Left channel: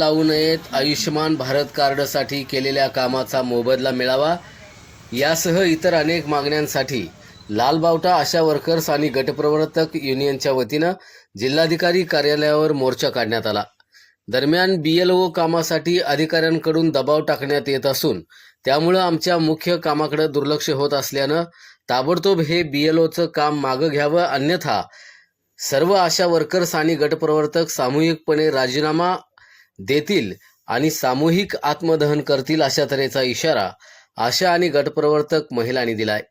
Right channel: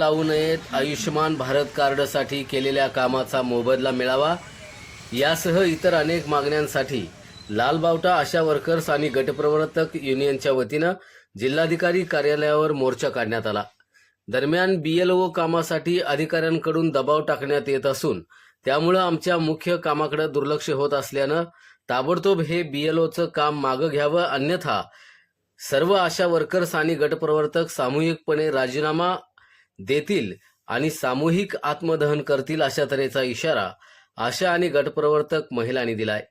लावू नयेत, आयुष्यमान भारत कार्डसाठी केलेल्या कामाचा मोबदला मिळावा यासह इतर अनेक मागण्यांसाठी लालबावटा आशा वर्कर्स आणि गटप्रवर्तक युनियनच्या वतीनं जिल्हाधिकारी कार्यालयावर मोर्चा काढण्यात आला। दरम्यान BLO कामासाठी अधिकाऱ्यांकडून दबाव टाकण्यात येत असून त्यामुळे आमच्या मुख्य कामाकडे दुर्लक्ष होत असल्यानं ताबडतोब हे BLOचं काम मागे घ्यावं, अन्यथा सर्व आशा वर्कर्स आणि गटप्रवर्तक सामूहिकपणे राजीनामा देतील आणि सामूहिक आत्मदहन करतील अशा तऱ्हेचा इशारा आशा आणि गटप्रवर्तक महिलांनी दिलाय।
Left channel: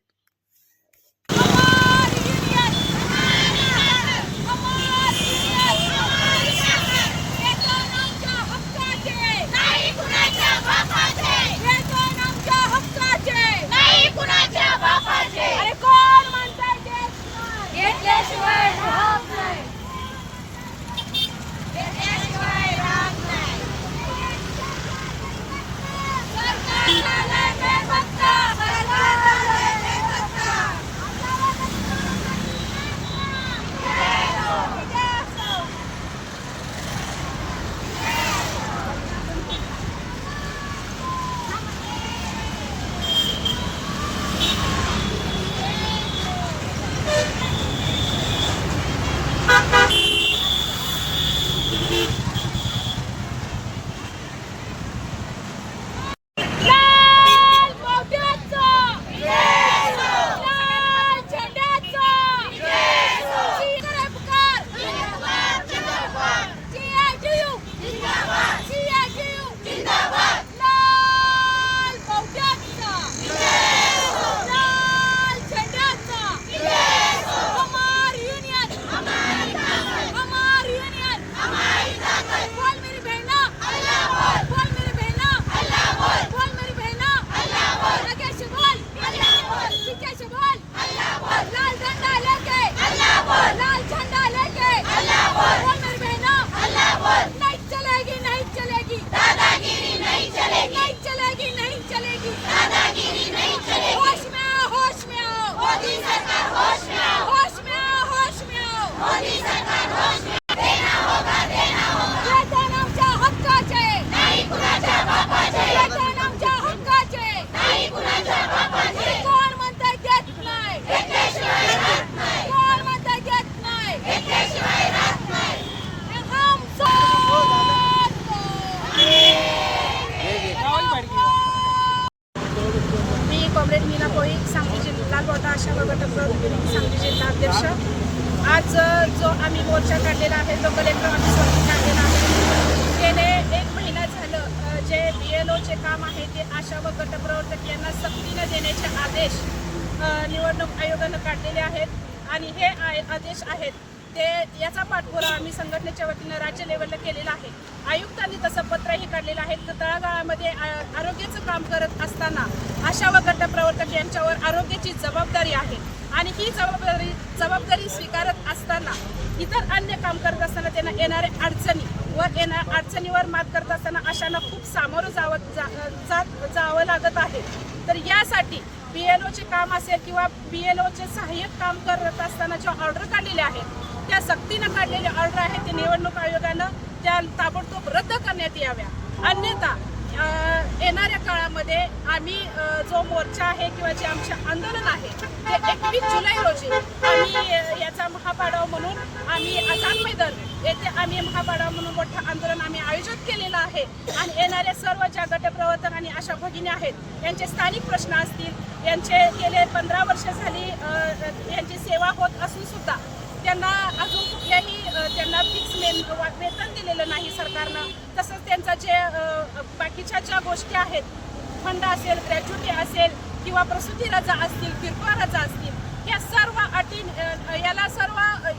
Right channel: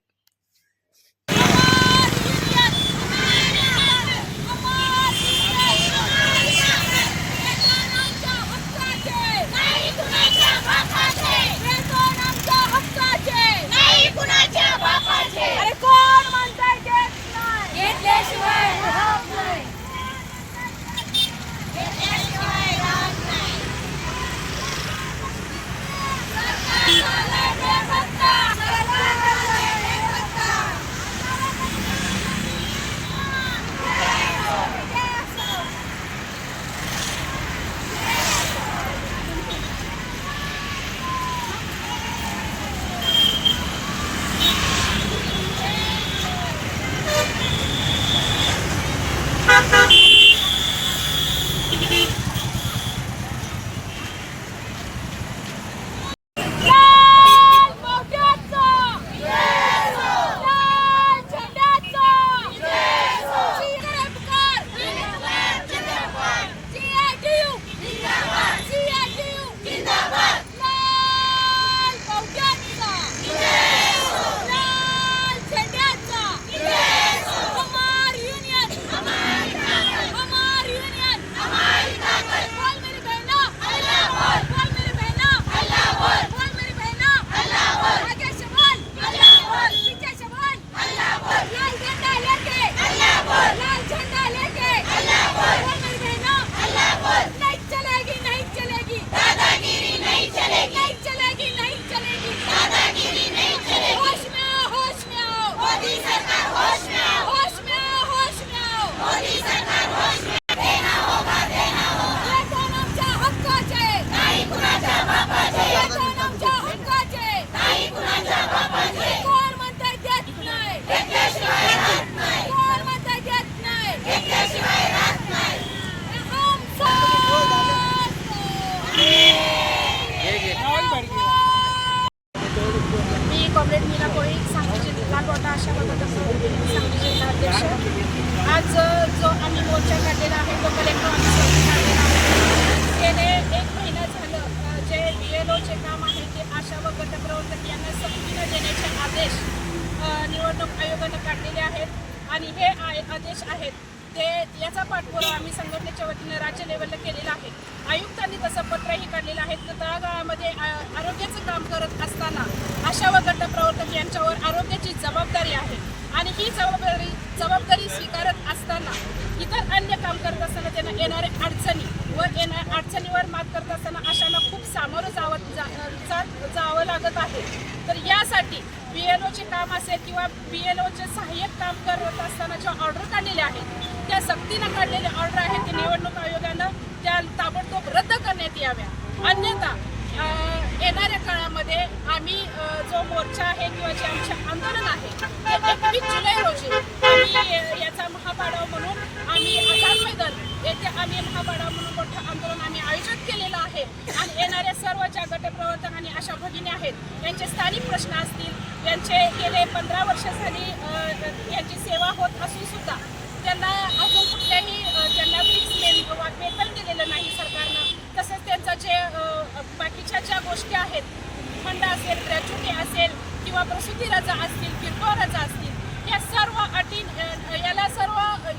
कॉम्रेड मीना कोळी, सांगली जिल्हा लालबावटा आशा गटप्रवर्तक युनियन सांगली जिल्हा अध्यक्ष। आज जो आम्ही मोर्चा काढलेला आहे तो कलेक्टर ऑफिसवरती काढलेला आहे। गेले 1 महिना झालं जे BLOचे काम आहे ते आशा व गटप्रवर्तक यांना सक्तीने देण्याचे आदेश निवडणूक आयोगानं काढलेले आहेत आणि हे आदेश आहेत ते याचा पाठपुरावा आम्ही संघटनेच्या वतीनं राज्य लेवलला केलेला आहे। आयुक्तांनी तसं पत्रही काढलेलं आहे तर तळागाळामध्ये आरोग्याचं काम करत असताना आशा व गटप्रवर्तक यांच्यावर आरोग्याची जबाबदारी आहे आणि ही जबाबदारी स्वीकारत असताना इतर अन्य काम करत असताना त्यांना येणाऱ्या अडचणीवर मात करत असताना आशांना खूप सामोरं जावं लागत आहे। तर यासाठी BLOचे काम असेल किंवा BLOचे सहाय्यक काम करत असताना ज्या ऑर्डर काढलेल्या आहेत त्या सक्तीनं काढलेल्या ऑर्डर आहेत ते निवडणूक आयोगानं त्या ताबडतोब रद्द करण्यात याव्या, अन्यथा येणाऱ्या काळामध्ये आम्ही जो मोर्चा आहे किंवा जे आमचे आंदोलन आहे ते 21 जुलै रोजी आम्ही याचा महापाडाव म्हणून आम्ही आझाद मैदान येथे आम्ही महापाडाव म्हणून मोठं आंदोलन आम्ही आयोजित केलेलं आहे आणि येणाऱ्या सर्व ज्या गटप्रवर्तक आणि आशा भगिनी आहेत यांचे स्थानिक प्रश्न असतील, यांचे गेले 15 वर्ष झाली यांची सेवा होत असून सुद्धा त्यांना अजून कुठल्याही त्यांना फिक्स वेतन दिलेलं नाही सरकारनं, तसंच त्यांचं जे बाकीच्या ज्या गोष्टी आहेत फंड असेल, ग्रॅच्युटी असेल किंवा प्रसूती रजा असतील, किरकोळ रजा असतील, या सर्व अटी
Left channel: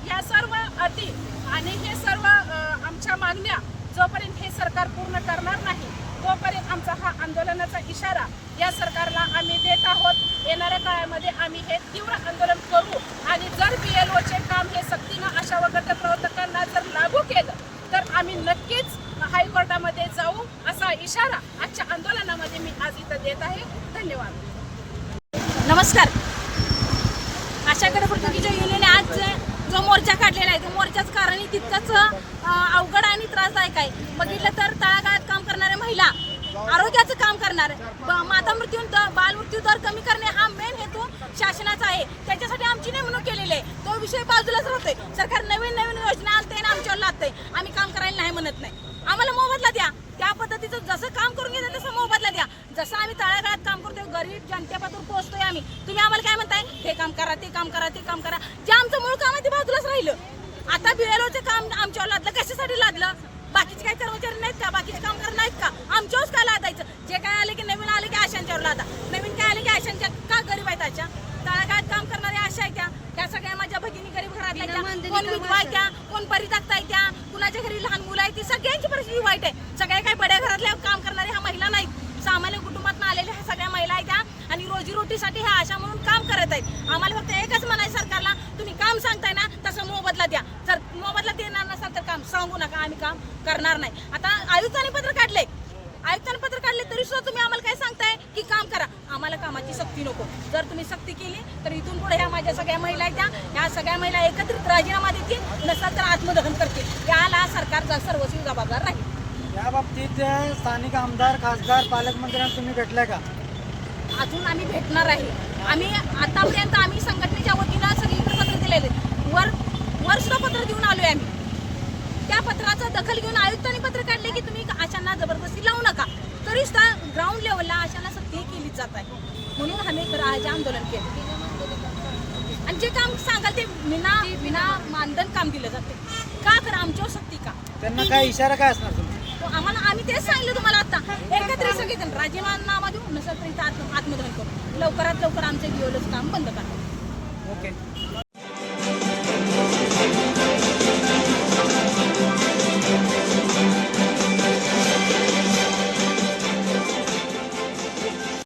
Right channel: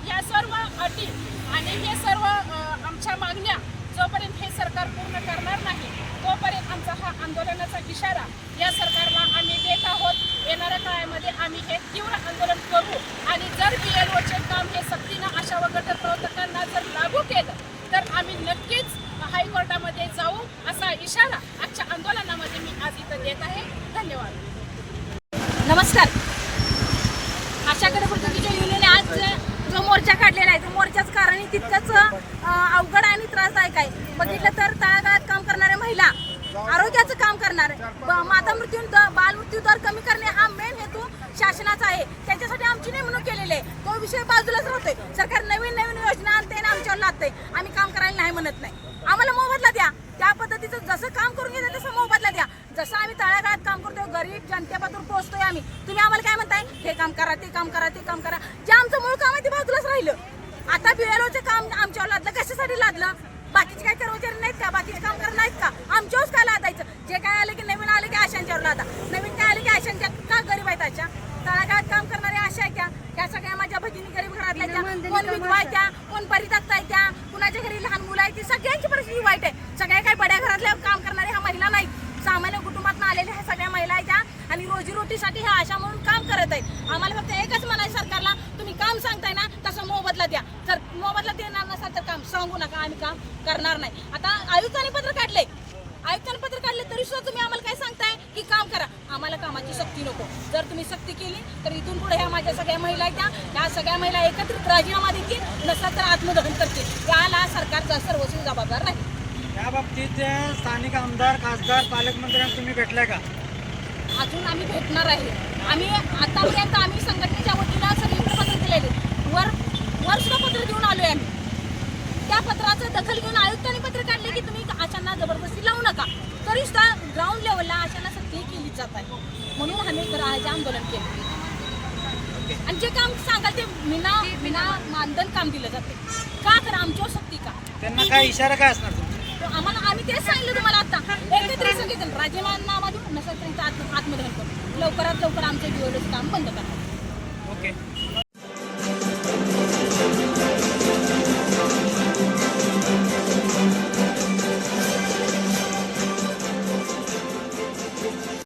या सर्व अटी आणि हे सर्व आमच्या मागण्या जोपर्यंत हे सरकार पूर्ण करणार नाही तोपर्यंत आमचा हा आंदोलनाचा इशारा या सरकारला आम्ही देत आहोत। येणाऱ्या काळामध्ये आम्ही हे तीव्र आंदोलन करू आणि जर BLOचे काम हे सक्तीनं आशा व गटप्रवर्तकांना जर लागू केलं तर आम्ही नक्कीच हायकोर्टामध्ये जाऊ असा इशारा आजच्या आंदोलनामध्ये मी आज इथं देत आहे। धन्यवाद। नमस्कार। आशा गटप्रवर्तक युनियनने आज जो मोर्चा काढलेला आहे तो मोर्चाचं कारण तितकंच अवघड आणि त्रासदायक आहे. बघितलं तर तळागाळात काम करणाऱ्या महिला, आरोग्याचं काम करणारे, माता मृत्यू बालमृत्यू दर कमी करणे हा मेन हेतू शासनाचा आहे. त्याच्यासाठी आमची नेमणूक केलेली आहे. तो विषय बाजूलाच राहतोय. सरकार नवीन नवीन योजना आणते आणि आमच्यावर लादतंय. आम्ही काम करायला नाही म्हणत नाही. आम्हाला मोबदला द्या. त्या पद्धतीचं जसं काम करून घेतलं तसं मोबदला द्या. जसं आम्ही तळागाळात काम करतोय, गरीब जनतेपासून पोहोचतोय आम्ही. तुम्ही आम्हाला काय म्हणताय, हे काम करा, ते काम करा, ते काम करा. जे आमचं मूळ काम आहे ते बाजूलाच राहिलं. आता BLOचं काम आमच्यावर लादलं. कशासाठी लादलं? बाकीचे काही कर्मचारी नाहीत का? बाकीचे कामगार नाहीत का? आमच्यावरच काय लादायचं? जे काय आले की नवीन आले की आशांच्यावर लादा. नवीन काय आले की आशांच्या का गरीब आहेत अशा? तळागाळात काम करणारे आशा आहेत त्या सगळ्या माझ्या भगिनी गरीब घरातल्या त्या, कोण विधवा आहेत त्या, कोण परित्यक्त आहेत त्या, कुणाच्या घरी लहान मुलं आहेत ती, सगळ्यांची परिस्थिती वाईट आहे. सगळ्या काही बड्या घरातल्या काम करणाऱ्या ह्या महिला नाहीत. सामान्य कुटुंबातून आलेल्या ह्या सगळ्या महिला आहेत त्या आणि रोजीरोटीसाठी ह्या आशा म्हणून काम करत आहेत. आम्हाला फक्त एकच म्हणायचं सरकारला, तुम्ही काम सांगताय ना तसं मोबदला द्या. जर मोबदला देणार नसाल तर काम सांगू नका, आम्ही काम करणार नाही. आता आयुक्तांनी पत्र काढले तरी सुद्धा तुम्ही आम्हाला काय सांगताय की काम करा. आम्हाला कामाची सक्ती नको. जर तुम्ही सक्ती केली तर इथून पुढे ह्या माझ्या सगळ्या महिला आहेत ह्या सगळ्या महिला एकत्रित राजीनामा देतील, नसतात तर आत्मदहन करतील. याला सरकारचा सर्वस्वी जबाबदार राहील. या बाबतीत स्थानिक आमदार, खासदार, पालकमंत्र्यांना तुम्ही भेटलाय का? अजून आम्ही भेटणार आहे. आम्ही आतापर्यंत आम्ही संघटनेच्या वतीनं सगळीकडे पत्र दिलेले, वर सुद्धा पत्र देऊन आलोय आम्ही. त्या पत्राचं दखल घेऊन आयुक्तांनी पत्र काढले की तुम्ही आशांना जबरदस्ती लावू नका. तरी सुद्धा ग्राउंड लेवलला आशांना सक्ती केलीच जात आहे. म्हणून आम्ही राहायचे आंदोलन केलं आणि जे काम सांगाल ते विना मानधन काम दिलं जाते. का करा आमच्यावर सक्ती का? त्यांना काय इशारा काय असणार तुमचा? तो आम्ही तेच सांगितलं तुम्हाला आता. एकत्रित सगळेजण राजीनामा देऊ, नसेल तर इथं आत्मदहन करू. लवकरात लवकर आमचं BLOचं काम बंद करा. ओके.